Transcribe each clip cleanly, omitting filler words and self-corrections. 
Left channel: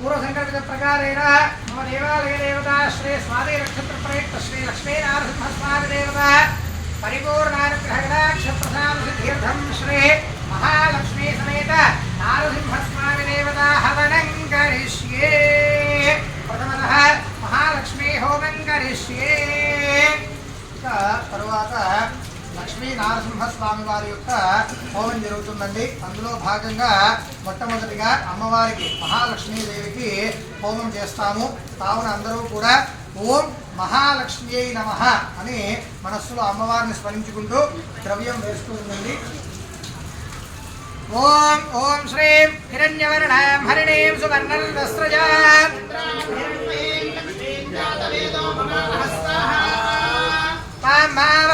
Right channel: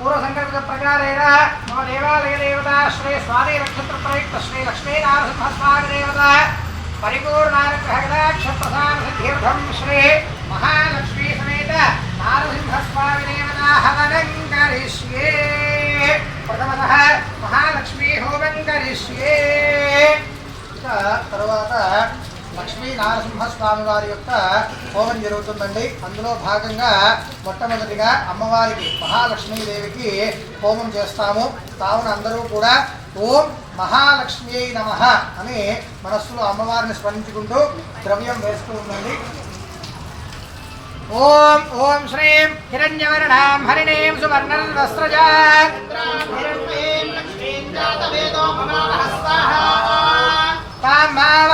पूर्वसंकल्पित प्रकारेण मम देवालय देवता श्री स्वाति नक्षत्र प्रयुक्त श्री लक्ष्मी नारसिंहस्वामी देवता परिपूर्णानुग्रहकटाक्ष प्रसाद सिद्ध्यर्थं श्री महालक्ष्मी समेत नारसिंहस्वामी देवता हवनं करिष्ये। प्रथमतः महालक्ष्मी होमं करिष्ये। तरुవాత లక్ష్మీ నారసింహస్వామి వారి యొక్క హోమం జరుగుతుందండి. అందులో భాగంగా మొట్టమొదటిగా అమ్మవారికి మహాలక్ష్మీదేవికి హోమం చేస్తాము. కావున అందరూ కూడా ఓం మహాలక్ష్మీ నమః అని మనస్సులో అమ్మవారిని స్మరించుకుంటూ ద్రవ్యం వేస్తూ ఉండండి. ఓం ఓం శ్రీం హిరణ్యవర్ణాం హరిణీం సువర్ణం వస్త్రజాం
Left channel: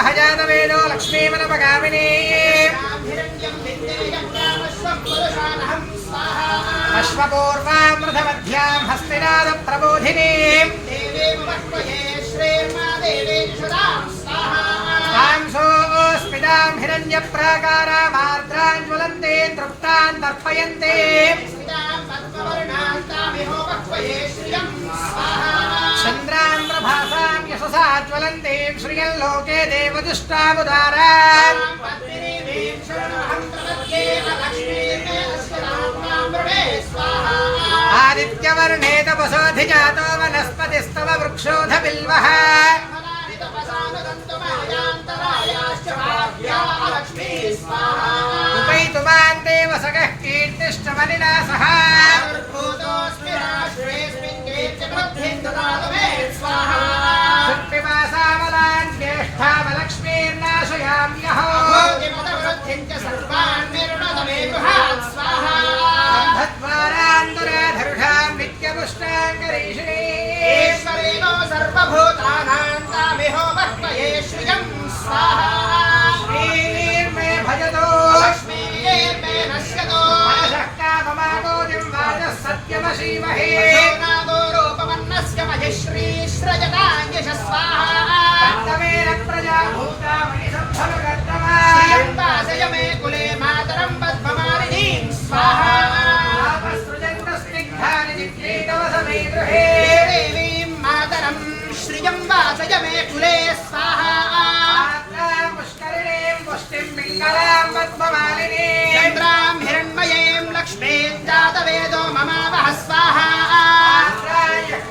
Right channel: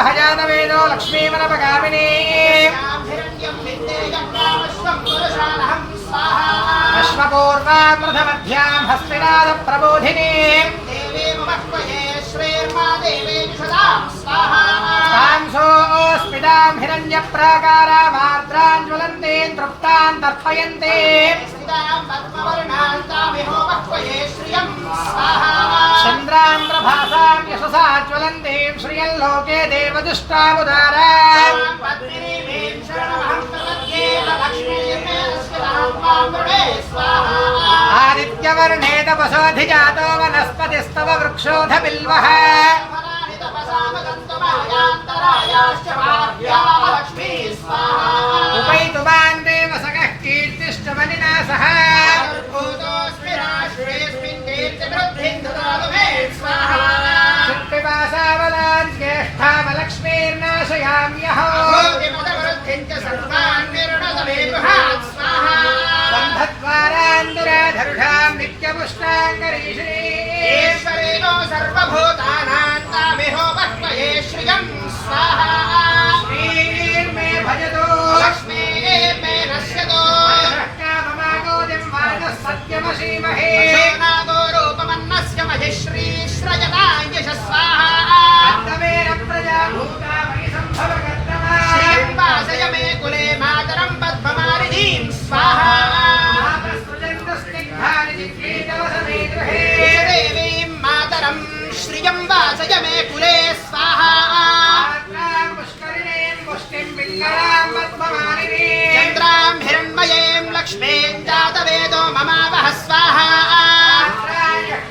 హజానవేదో లక్ష్మీమనపగామినీ అశ్వపూర్వాం రథమధ్యాం హస్తినాద ప్రబోధినీ స్మితాం హిరణ్య ప్రాకారామార్ద్రాం జ్వలంతే తృప్తాన్ తర్పయంతే చంద్రాంధ్రభాసాం యశసా జ్వలంతీం శ్రియం లోకే దేవదుష్టాముదారాం ఆదిత్యవర్ణే తపసోధిజాతో వనస్పతిస్తవ వృక్షోధ బిల్వః ఉపైతు మాం దేవసగః కీర్తిశ్చ మనినా సహ శుక్తిమాసావలాన్ జ్యేష్ఠామలక్ష్మీర్నాశయామ్యహో సంధద్వారాందురాధరుఢాం నిత్యపుష్టాంగరీషిణీశ్వరేణో సర్వభూతానాం తామిహో వహ్మయే శ్రియం స్వాహా శ్రీర్మే భజతో లక్ష్మీర్మే నశ్యతో కామమాగోదిం వాజః సత్యమసీమహే నాదో రూపమన్నస్య మహిశ్రీ శ్రయతాం యశస్వాహా తత్తమేన ప్రజాభూతా మయి సంభవగత్తనా శ్రీం వాసయ మే కులే మాతరం పద్మమాలినీం స్వాహా దేవీం మాతరం శ్రియం వాసయ మే కులే స్వాహా పుష్కరిణీం పుష్టిం పింగళాం పద్మమాలినీం చంద్రాం హిరణ్మయీం లక్ష్మీం జాతవేదో మమావహ స్వాహా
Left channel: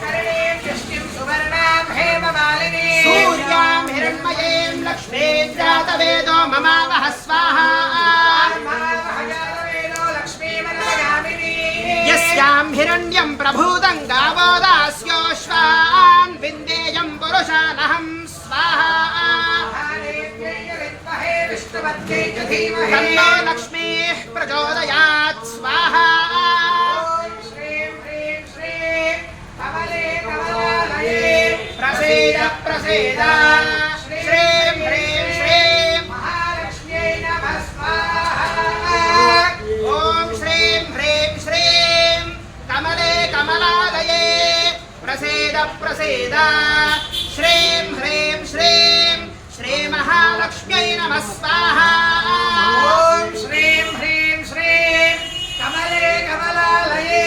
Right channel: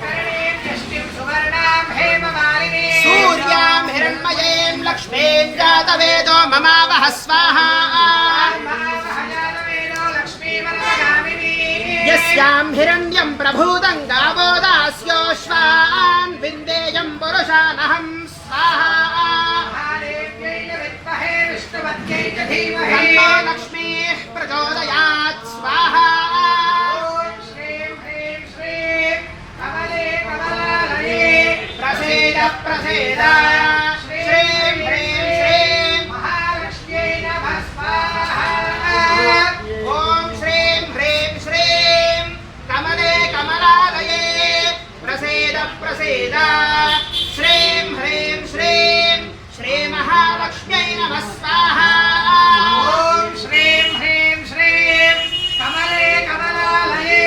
కరిణీం యష్టిం సువర్ణాం హేమమాలినీం సూర్యాం హిరణ్మయీం లక్ష్మీం జాతవేదో మమావహ స్వాహా యస్యాం హిరణ్యం ప్రభూతం గావో దాస్యోశ్వాన్ విందేయం పురుషానహం స్వాహా తన్నో లక్ష్మీః ప్రచోదయాత్ స్వాహా ప్రసీద ప్రసీద శ్రీం హ్రీం శ్రీం మహాలక్ష్మ్యై నమః స్వాహా ఓం శ్రీం హ్రీం శ్రీం కమలే కమలాలయే ప్రసీద ప్రసీద శ్రీం హ్రీం శ్రీం శ్రీ మహాలక్ష్మ్యై నమః స్వాహా ఓం శ్రీం హ్రీం శ్రీం కమలే కమలాలయే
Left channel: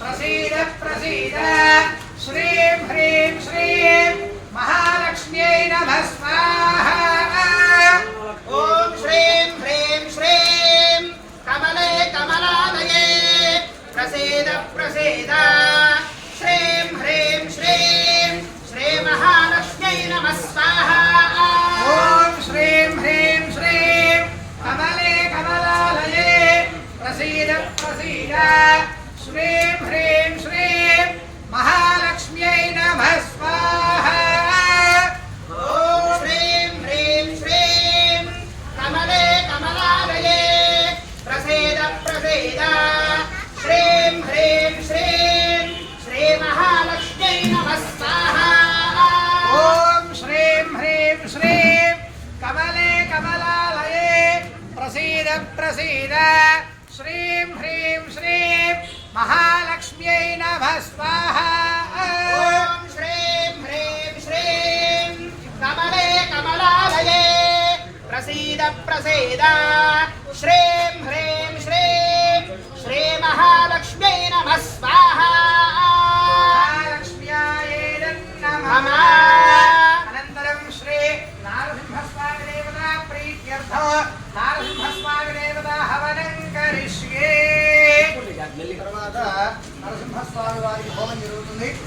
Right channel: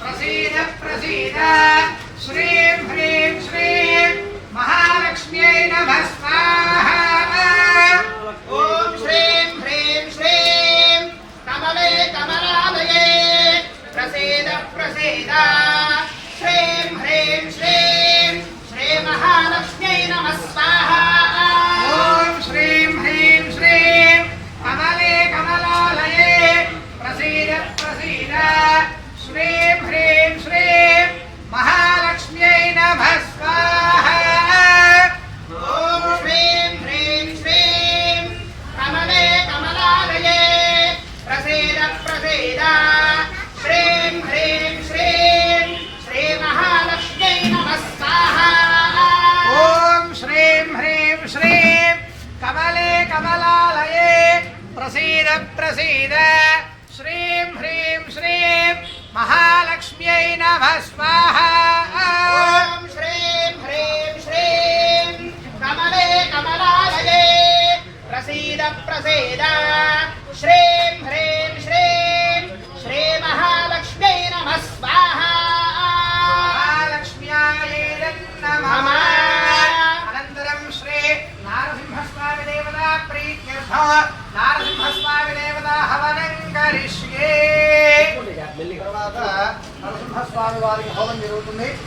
ప్రసీద ప్రసీద శ్రీం హ్రీం శ్రీం మహాలక్ష్మ్యై నమః స్వాహా ఓం శ్రీం హ్రీం శ్రీం కమలే కమలాలయే ప్రసీద ప్రసీద శ్రీం హ్రీం శ్రీం శ్రీ మహాలక్ష్మ్యై నమః స్వాహా ఓం శ్రీం హ్రీం శ్రీం కమలే కమలాలయే ప్రసీద ప్రసీద శ్రీం హ్రీం శ్రీం మహాలక్ష్మ్యై నమః స్వాహా ఓం శ్రీం హ్రీం శ్రీం కమలే కమలాలయే ప్రసీద ప్రసీద శ్రీం హ్రీం శ్రీం శ్రీ మహాలక్ష్మ్యై నమః స్వాహా ఓం శ్రీం హ్రీం శ్రీం కమలే కమలాలయే ప్రసీద ప్రసీద శ్రీం హ్రీం శ్రీం మహాలక్ష్మ్యై నమః స్వాహా ఓం శ్రీం హ్రీం శ్రీం కమలే కమలాలయే ప్రసీద ప్రసీద శ్రీం హ్రీం శ్రీం శ్రీ మహాలక్ష్మ్యై నమః స్వాహా నారసింహస్వామి దేవత హవనం కరిష్యే. తర్వాత నరసింహస్వామి వారికి హోమం జరుగుతుంది.